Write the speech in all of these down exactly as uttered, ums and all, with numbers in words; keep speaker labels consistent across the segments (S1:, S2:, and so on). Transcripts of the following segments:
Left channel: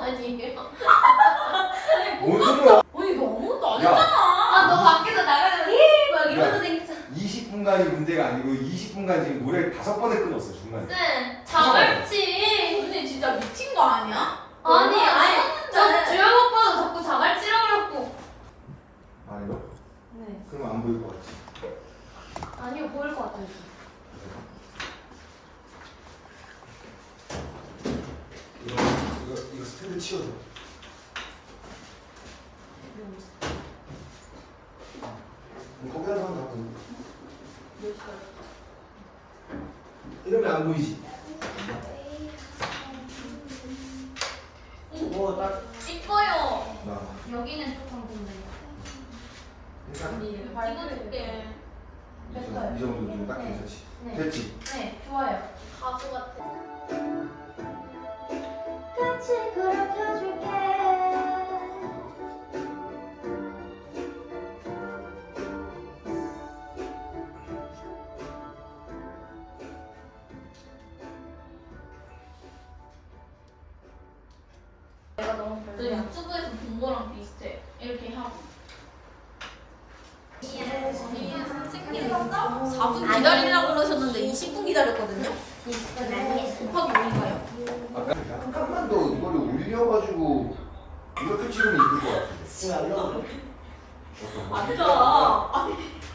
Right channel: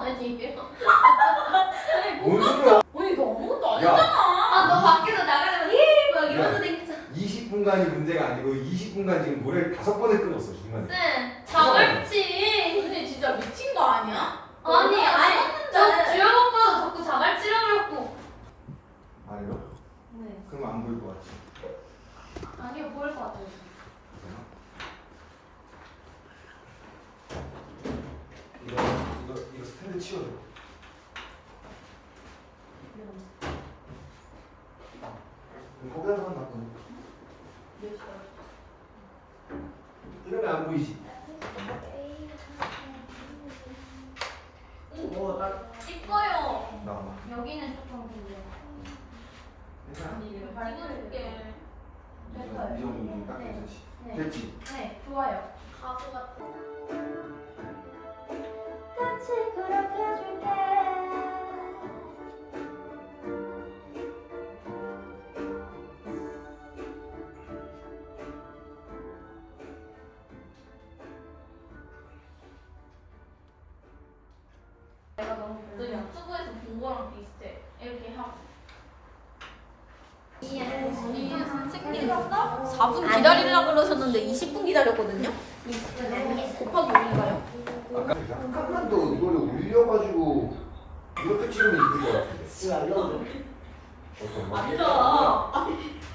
S1: 아니에요?
S2: 뭔 소리야?
S1: 언니 너 아무것도 안
S2: 야.
S1: 했잖아.
S3: 아, 너 밖에서 나가자마자 막 이러면서 생겼잖아.
S2: 이십 분간이 문제가 아니고 이십 분간 지금 노래를 다섯 번을 끊었어 중간에.
S3: 네, 자갈치.
S1: 언니 진짜 미친 거 아니야?
S3: 아니, 아니, 저
S1: 저
S3: 주영 오빠도 자꾸 자갈치라고 그랬고.
S2: 아니요?
S3: 네.
S2: 그럼 안 보일 것 같지.
S3: 아니요, 보일 것 같아요.
S2: 이거 이거 이거 스탠드 치워줘. 그럼 거기다가 하나 놔둬. 이러면 안 보이지.
S1: 뭐 나.
S3: 이뻐요.
S2: 나
S3: 여기는 조금 근데.
S2: 일단
S3: 찍어줄게.
S2: 이 정도 이 정도 딱 괜찮지.
S3: 네.
S2: 됐지.
S3: 네, 좋아요.
S1: 가수 같아.
S3: 같이 그려줄게. 내가 너무
S1: 너
S3: 별로야.
S1: 유튜브에서 본 거랑 비슷해. 이렇게 하고.
S3: 언니
S1: 선생님 사 분 기다리려고 그러셨는데 이십 분 기다렸거든요. 곱하기 오인가요?
S2: 아까 잠깐만 더 이거를 올려가지고 이렇게 찍으면 이쁠 것 같은데.
S4: 왜안 나오죠?
S2: 어떤 거?
S1: 맞아.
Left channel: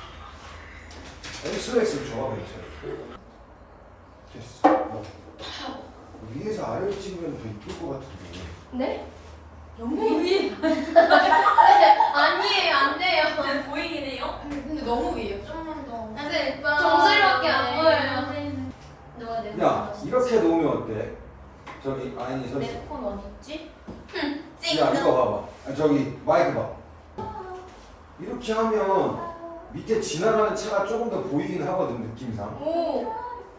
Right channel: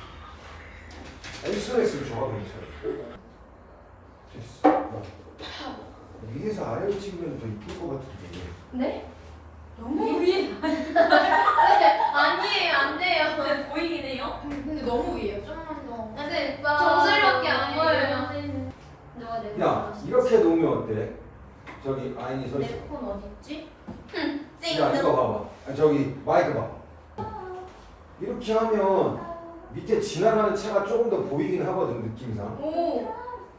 S2: 아니 스트레스를 좋아 괜찮아. 됐어. 어. 위에서 아래로 찍으면 더 이쁠 것 같은데.
S3: 네?
S1: 너무 위에.
S3: 아니에요, 안 돼요.
S1: 그냥 보이긴 해요. 근데 너무 위에요. 좀만 더.
S3: 근데 정수리밖에 안 보여요. 누가 내
S2: 야 이렇게 놓으면 어때? 저기 아인이 서 있어.
S3: 내폰 어디 있지?
S2: 야 이거 봐봐. 아, 저기 마이크 봐. 이렇게 하면 밑에 지나가는 차가 조금 더 보이긴 하거든 느낌상.
S3: 오.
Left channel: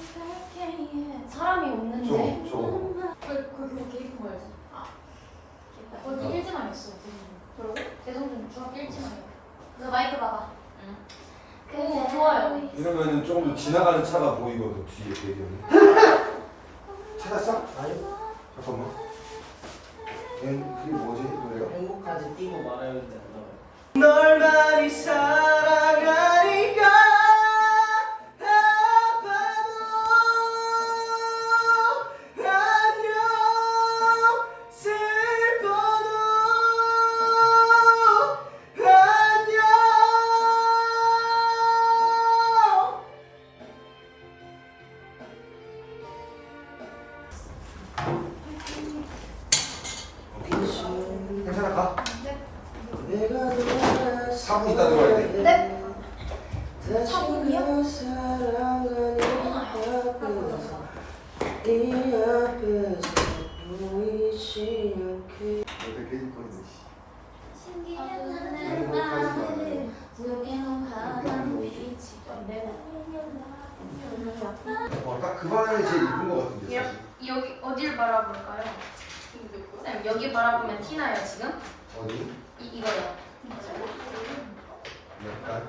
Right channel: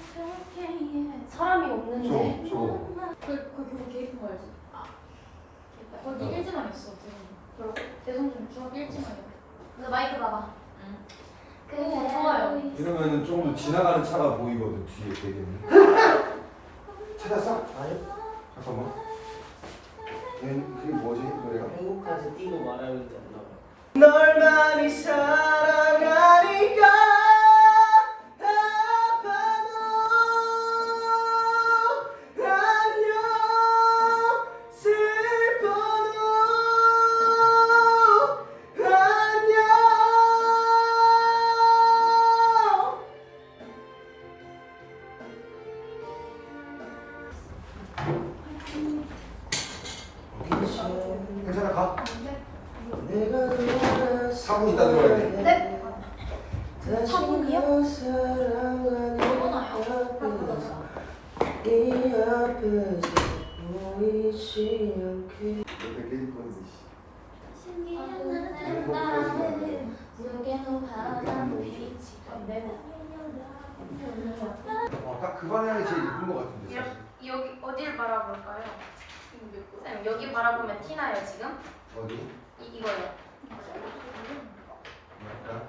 S3: 사람이 없는데.
S2: 저거 저거.
S1: 그, 그, 그거 개입한 거였어. 아.
S3: 거기 일지만 있어. 그리고 대성준 중학교 일지만이요. 그래서 마이크 봐봐. 응. 오, 좋아요.
S2: 이러면은 조금 더 지나가는 차가 보이거든 뒤에 되게는. 찾았어?
S4: 아니요.
S2: 잠깐만. 걔 그게 뭐지 노래가?
S4: 행복하지 띄고 말아야 되는데 안 나와요.
S5: 널 많이 사랑하니까 아파도 안녕 슬퍼도 안녕
S2: 괜찮아 가.
S4: 내가 돌아서
S2: 사 분 있다 들어와야 돼.
S3: 네.
S4: 다시 너 사랑하는 앞에서 이 앞에서 보이지 않게
S2: 옆에 깨질 뻔했네. 어딱 그 방향이 제일 이쁜 것 같은데 사실.
S3: 여기 어디를 바라볼까요? 쌤 여기 바라보면 티나요 지금?
S2: 어디?
S3: 이 이거요.
S2: 약간.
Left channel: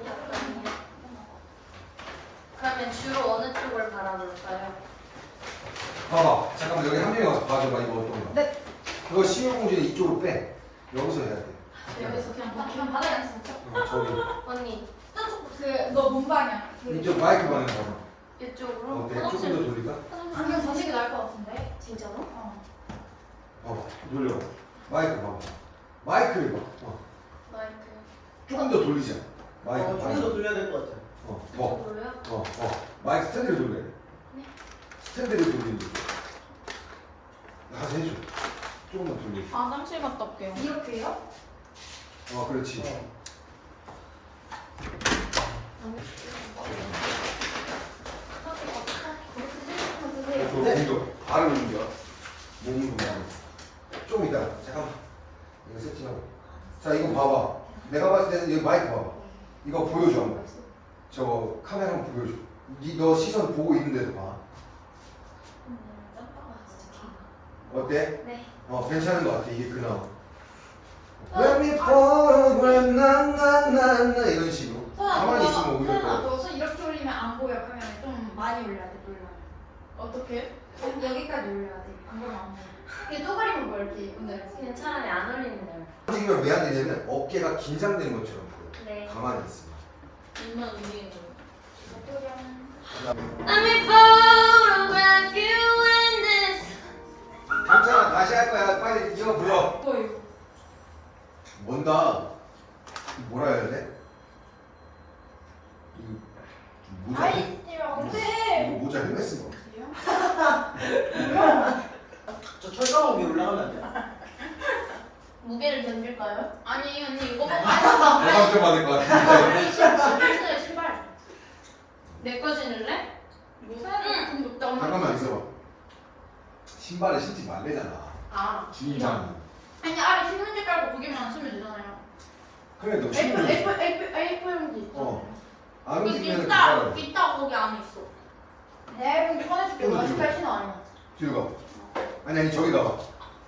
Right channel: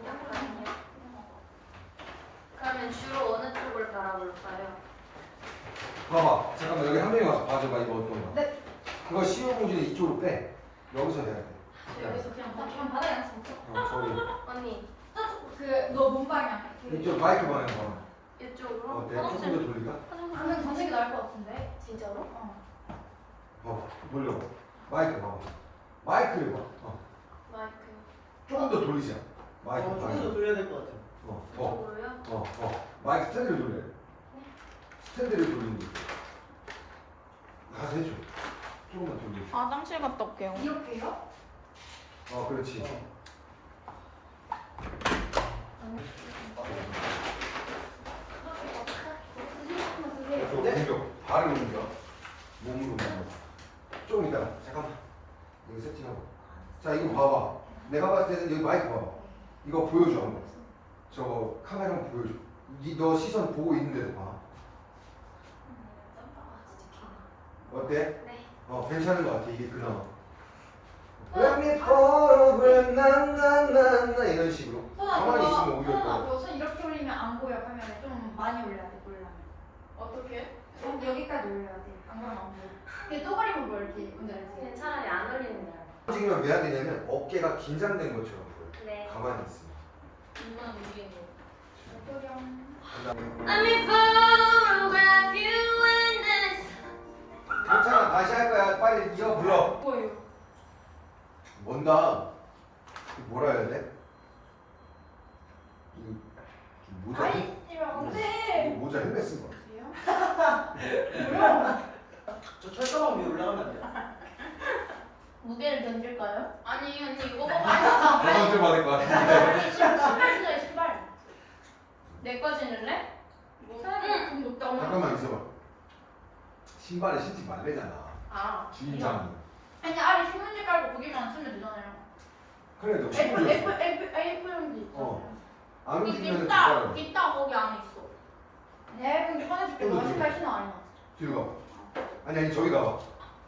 S3: 그러면 주로 어느 쪽을 바라볼까요?
S2: 봐봐. 잠깐만 여기 한 명이 와서 봐줘봐 이거 어떤가.
S3: 네.
S2: 그거 심혈공주는 이쪽으로 빼. 여기서 해야 돼.
S1: 여기서 그냥 봐.
S3: 그냥 바닥에 앉아서
S2: 어, 저기.
S3: 언니
S1: 그너 몸방향.
S2: 이쪽 마이크 방향 봐봐.
S3: 이쪽으로.
S2: 어때? 조금 더 돌리까?
S1: 방금 자식이 나을 것 같은데.
S3: 진짜로?
S1: 어.
S2: 봐봐. 돌려. 마이크 봐봐. 마이크를 봐. 어.
S3: 마이크.
S2: 조금 더 돌리자. 마이크
S4: 어, 조금
S2: 방향.
S4: 더 돌려야 될 것 같아요.
S2: 어, 더.
S3: 이쪽으로요?
S2: 어, 어. 마이크 스탠드를 돌려야 돼.
S3: 네.
S2: 스탠드를 돌리는 거. 가서 해줘. 조금만 돌려.
S1: 아 땀실 갔다 올게요.
S3: 이렇게요?
S2: 어, 그렇지. 또 공격. 발음 공격. 몸 공격. 좀 이따. 잠깐만. 이거 세팅하고. 자, 이거 봐봐. 내가 봤을 때는 여기 마이크 봐봐. 이거 보여줘 한번. 저 카메라 한번 보여줘. 니 너 시선 보고 있는 데서 봐. 어때?
S3: 네.
S2: 어, 괜찮은 것 같아. 이게 그나마. Let me photograph 나나나나 이런 식으로. 가만히 있으면 오히려 더.
S1: 손 이렇게 올리면 안 보여. 그러면 좀 많이 올려야 돼. 놀라. 어떻게?
S3: 여기까지 올려야 돼. 안 그러면 안 돼. 이게 쪼가리만 뭐 이렇게 건드려야지.
S6: 그냥 차라리 안 어울리는 대로.
S2: 움직이면 왜 안 되냐면 어깨가 긴장된 것처럼 보여.
S6: 네.
S2: 가만히 있으면.
S1: 입만 움직이는 거.
S6: Let me photograph you in this.
S2: 괜찮아 다시 할 거야. 빨리 이어 불러.
S1: 뭐예요?
S2: 뭔가 뭐라 해야 돼? 이거 모자
S3: 아이, 안 돼.
S2: 모자 헬멧 쓴 거.
S4: 저 철가방 위에 올라가면 안 돼요?
S3: 무게를 던질까요?
S1: 아니 언니 이거 봐봐.
S2: 뭐가 좀 받을 것 같은데.
S3: 아니, 신발 신어요, 신발.
S6: 내 거 신을래?
S1: 응.
S2: 잠깐만 있어봐. 신발을 신지 말래잖아.
S1: 아.
S2: 주인장.
S1: 아니 아래 신문지 깔고 거기만 쓰면 되잖아요.
S2: 그래 너
S3: 에이프
S2: 신발.
S3: 에이프 에이프 에이프 용지.
S2: 어. 안
S1: 그
S2: 움직이면
S1: 기타
S2: 괜찮아.
S1: 기타 거기 안에 있어.
S3: 내 앨범 꺼내줄게. 너 신발 신어 아니야?
S2: 뒤로 가. 아니 아니 저기 가봐.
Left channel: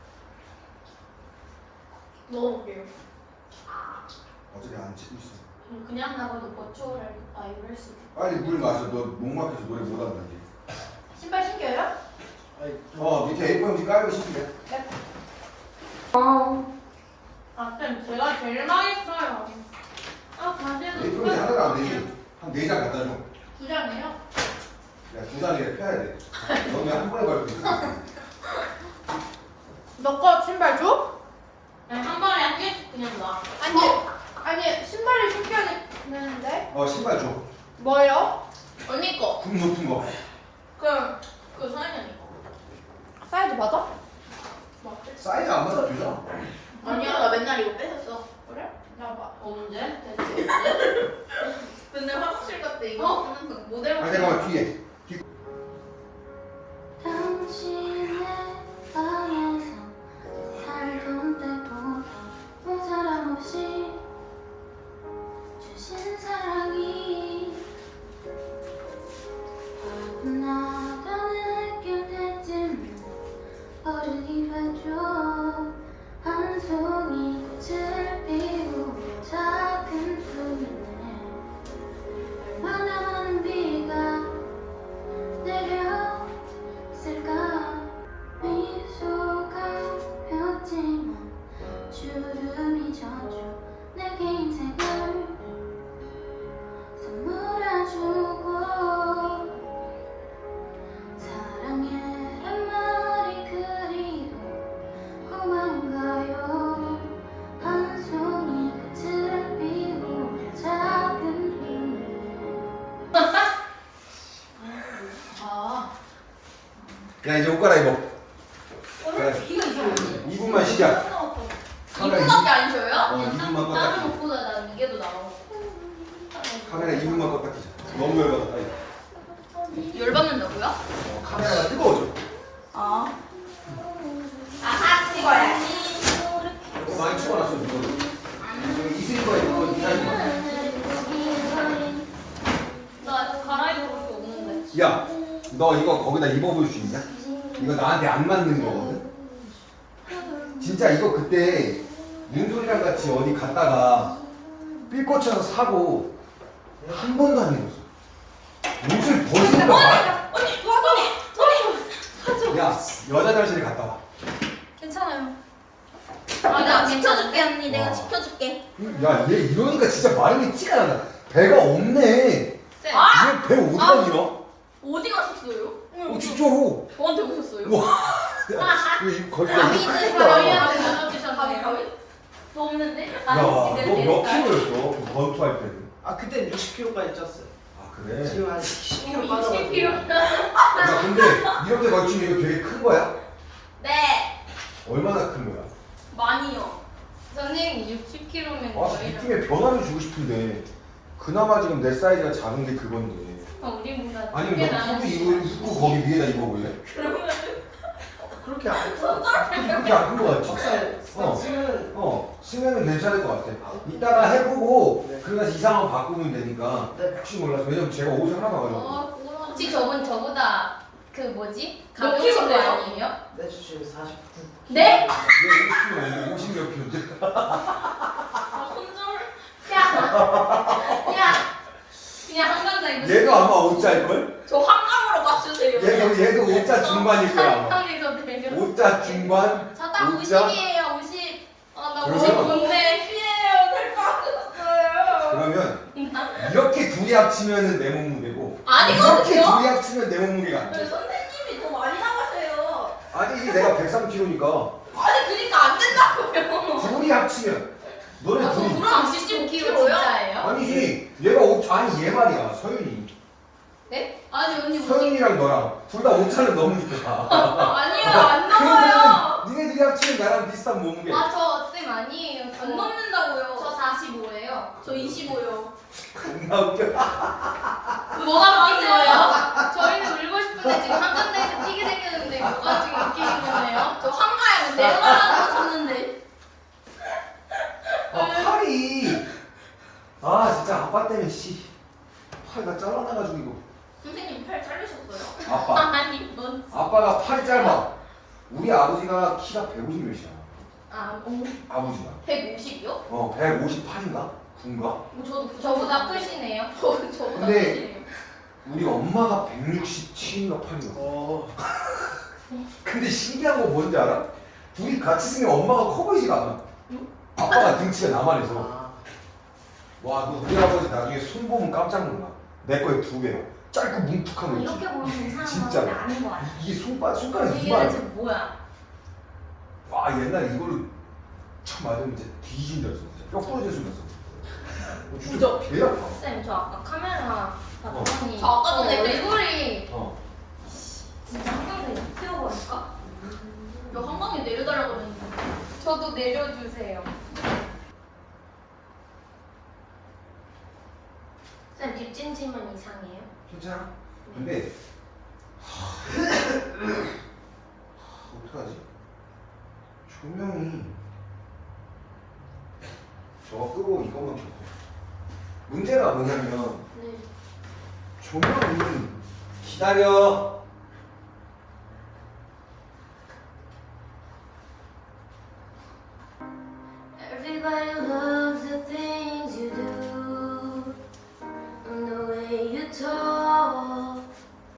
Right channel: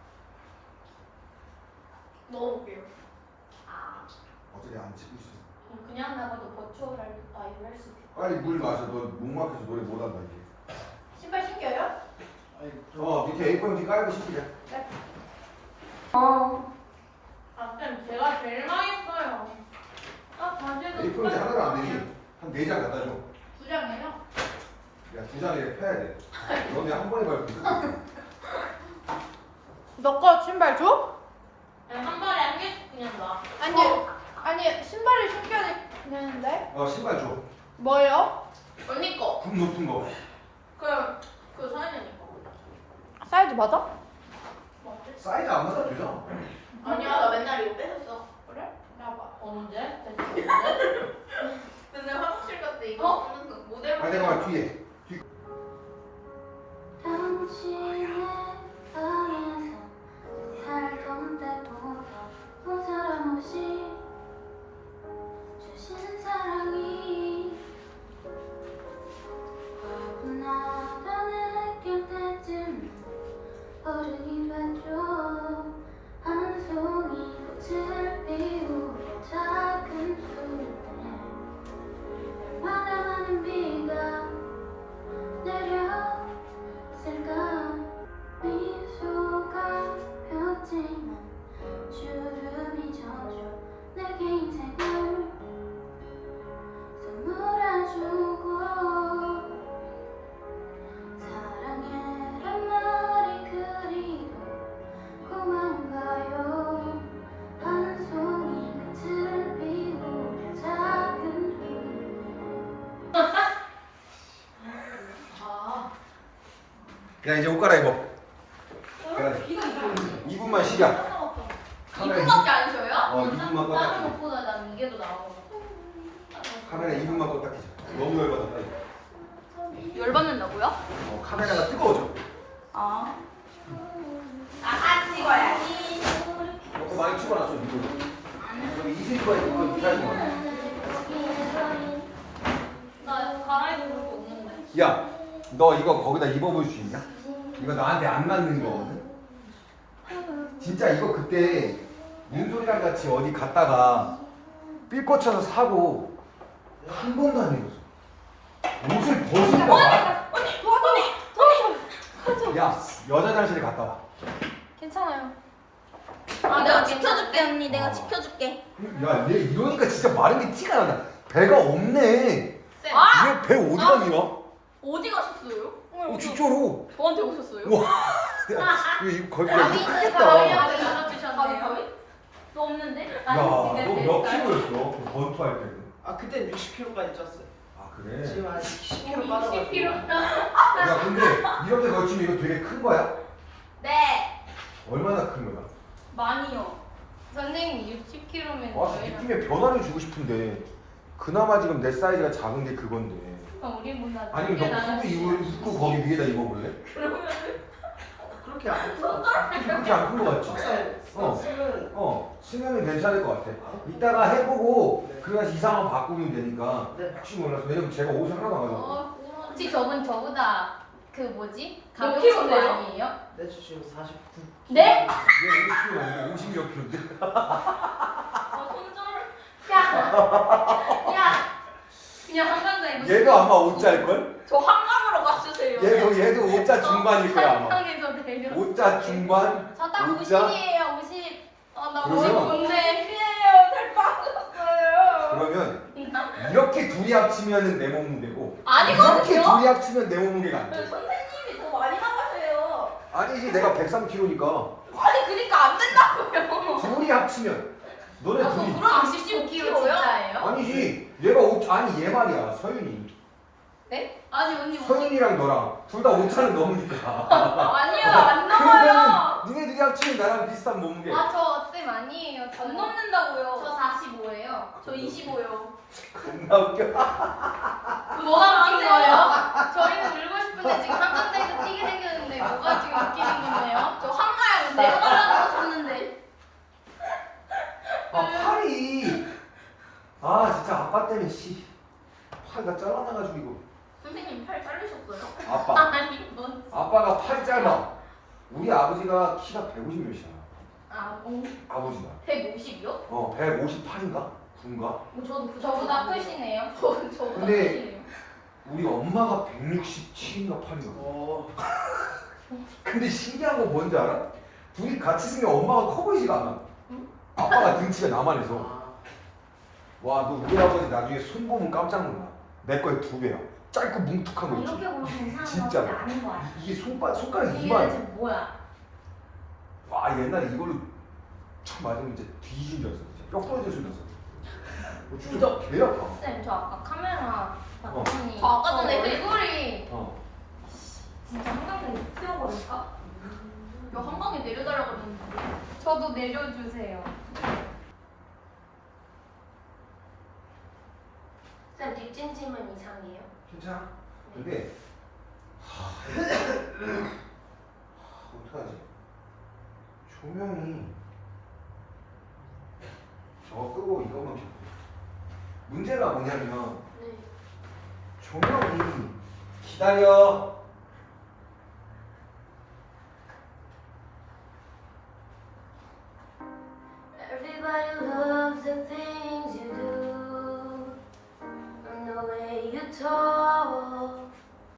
S1: 넣어볼게요.
S2: 어차피 안 찍고 있어.
S3: 그냥 나가도 버추어를 아 이거 할 수 있겠다.
S2: 빨리 물 마셔. 너 목막혀서 노래 못 한다지.
S3: 신발 신겨요?
S4: 아니,
S2: 어 밑에 에이포 용지 깔고 신기해.
S6: 아, 쌤 제가 제일 망했어요. 아, 과제도
S2: 에이포 용지 하나도 안 되지. 한 네 장 갖다 줘.
S1: 두 장이에요?
S2: 야 두 장에 펴야 돼. 너는 한 번에 밟고 있어.
S3: 너 거 신발 줘?
S6: 아니, 한 번에 한 개씩 그냥 놔.
S3: 아니 아니 신발을 신겨야 되는데
S2: 어 신발 줘.
S3: 뭐요?
S1: 언니 거.
S2: 굽 높은 거.
S1: 그럼 그 사인 언니 거.
S3: 사이즈 맞아?
S2: 사이즈 안 맞아 주잖아.
S1: 아니야 나 맨날 이거 뺏었어.
S3: 그래? 나봐.
S6: 언제? 대체 언제?
S1: 맨날 화장실 갈 때 이거
S6: 어?
S1: 쓰는 거 모델.
S2: 아 내가 뒤에.
S3: 당신의 밤에서 살던 때보다 모자람 없이 주신 사랑이 화분하다 느낄 때쯤 어른이 되죠. 한 송이 꽃을 피우고 작은 소리네. 얼마나 많은 비가 내려 쓸까. 미소가 폈지만 주름이 져줘. 내게 인생을 선물해주고 사랑해란 말이 그리고 고마운가요. 한 송이 끝을 피우려 작은 소리. 아
S2: 야 이제 옷 갈아입어.
S1: 이거 있어요.
S2: 이 분만 쉬자. 카메라
S1: 이거밖에 안 줘요?
S2: 어 이 분만 껐다
S6: 다른
S2: 키자.
S6: 것보다 난 이게 더 나오고.
S2: 카메라 이 분만 껐다 키자. 너무 열받아. 빨리.
S1: 열받는다고요?
S2: 어, 카메라가 뜨거워져.
S1: 아. 아아 찍어야지.
S2: 어, 많이 추워놨어 이거. 이 슬리퍼에 이거 기다려.
S6: 나 갈아입을 수 없는데.
S2: 야, 너 이거 거기다 입어볼 수 있냐? 이거 나한테 안 맞는 거거든. 진짜 이거 그때 윤솔이랑 같이 어디 갔다가 삘 꽂혀서 사고 한 번도 안 입었어. 옷을 벗으니까 말. 야, 여자 화장실에 갔다 와.
S1: 괜찮아요. 아, 내가 지켜줄게 언니. 내가
S2: 어.
S1: 지켜줄게.
S2: 야, 얘 이러니까 진짜 마른 게 티가 난다. 배가 없네.
S6: 쌤.
S1: 아!
S2: 얘 배 어디 갔냐?
S1: 어디 가셨어요?
S2: 어, 진짜로.
S1: 저한테 오셨어요?
S2: 우와. 이거 거의 야, 이거
S6: 저희한테
S2: 크겠다.
S6: 전화주셨네요. 또 없는데?
S2: 야, 너 몇 킬로였어? 그 권투할 때는?
S4: 아, 그때 육십 킬로까지 쪘어요.
S2: 아, 그래?
S4: 지금 한 십 킬로
S6: 이십
S4: 빠져가지고.
S6: 킬로.
S2: 야, 근데 이렇게 걸치면 이거 되게 큰 거야?
S1: 네.
S2: 얼마나 큰 거야?
S1: 많이요.
S6: 선생님 육십 킬로면
S2: 아, 느낌에 변화를 주고 싶은데 그나마 지금 내 사이즈가 작은 게 그건데.
S6: 우리보다
S2: 아니면 너 후드 입고, 입고 거기 위에다 입어볼래?
S4: 그렇게 안 커.
S2: 그렇게 안 큰 거 같지?
S4: 막상
S2: 어.
S4: 쓰면
S2: 어, 쓰면은 괜찮을 것 같아. 이따가 해보고
S4: 네.
S2: 그래서 이상한 거 바꾸면 되니까
S4: 네.
S2: 혹시 몰라서. 왜냐면 제가 옷을 하나 나가려고.
S6: 혹시 저분 저보다 그 뭐지?
S1: 몇
S6: 가벼우신 거
S1: 킬로인데요?
S6: 아니에요?
S4: 내 지금 사십구.
S6: 네?
S2: 얘 오십 킬로, 오십 몇 킬로인데?
S1: 야. 야. 그냥 한강자 입으세요.
S2: 얘도 아마 옷 짤걸?
S1: 저 한강으로 가주세요.
S2: 얘도 얘도 오자 중반일 거야.
S1: 상상에서 내려.
S2: 오자 중반.
S1: 저딱
S2: 오자.
S1: 오십이에요, 오십. 아나
S2: 그러면-
S1: 오십인데. 피해요, 살 빠졌어요.
S2: 그러면 이렇게 둘이 합치면은 내 몸무게고
S1: 아니거든요.
S2: 이렇게 둘이 합치면 내 몸무게가 안 돼.
S1: 선생님이 더 많이 나가세요.
S2: 아니 이게 내가 백삼 킬로그램이니까
S1: 아니 그러니까 안 된다고요.
S2: 둘이 합치면 너네
S1: 아,
S2: 둘이
S1: 그럼 십오 킬로그램 진짜예요?
S2: 아니지 얘가 오 아니 얘 말이야 서윤이
S1: 네? 아니 언니 무슨
S2: 서윤이랑 너랑 둘 다 오차는 넘으니까
S1: 아니요 안 넘어요.
S2: 그러면 니네들이 합치면 나랑 비슷한 몸무게.
S3: 아저쌤 아니에요. 저-
S1: 안 넘는다고요.
S3: 저 사십오예요.
S1: 저 이십오요.
S2: 겁나 웃겨.
S1: 뭐가 웃긴 거예요?
S3: 저희는 울고 싶은데 지금 한간대가 튀게 생겼는데 뭐가 지금 웃기신 건데요?
S1: 저 한가에 내려가라고 하셨는데.
S2: 아 팔이 아 진짜 아빠 때문에 씨 팔가 잘라나가지고 이거
S1: 선생님 팔 잘리셨어요?
S2: 아빠
S1: 아니 뭔?
S2: 아빠가 팔이 짧아. 우리 아버지가 키가 백오십 몇이야.
S1: 아 어,
S2: 아버지가
S1: 백오십이요?
S2: 어 백오십팔인가 구인가.
S1: 뭐 저도 그
S3: 저보다 크시네요.
S1: 저 저보다
S2: 근데-
S1: 크시네요.
S2: 우리 엄마가 백육십칠인가 팔인가.
S4: 어.
S2: 근데 신기한 거 뭔지 알아? 둘이 같이 있으면 엄마가 커 보이지가 않아. 아빠가 등치가 나만 해서.
S4: 아.
S2: 와, 너 우리 아버지 나중에 손 보면 깜짝 놀라. 내 거에 두 배야. 짧고 뭉툭한 거 있지.
S3: 이렇게 보면 괜찮은
S2: 진짜.
S3: 건데 아닌 거 같아.
S2: 이- 이게 손바, 손가락
S1: 이게
S2: 이만.
S1: 대체 뭐야?
S2: 와, 옛날에 이걸로 참 맞으면 진짜 뒤진 줄 알았어. 진짜 뼈 부러질 수 있었어. 어, 진짜 개 아파.
S3: 쌤, 저 아까 카메라
S2: 어.
S3: 봤더니
S1: 저 아까 전에
S3: 저
S1: 애들-
S3: 얼굴이
S2: 어.
S3: 진짜 한강대 튀어버릴까?
S1: 저 한강에 내려달라고 그랬는데.
S3: 저도 내려주세요. 쌤, 뒷찜질만 이상해요?
S2: 괜찮아? 근데 하... 어떡하지? 조명이 저거 끄고 이거만 켜고 문제가 뭐냐면
S3: 네.
S2: 조명이 기다려.
S3: Everybody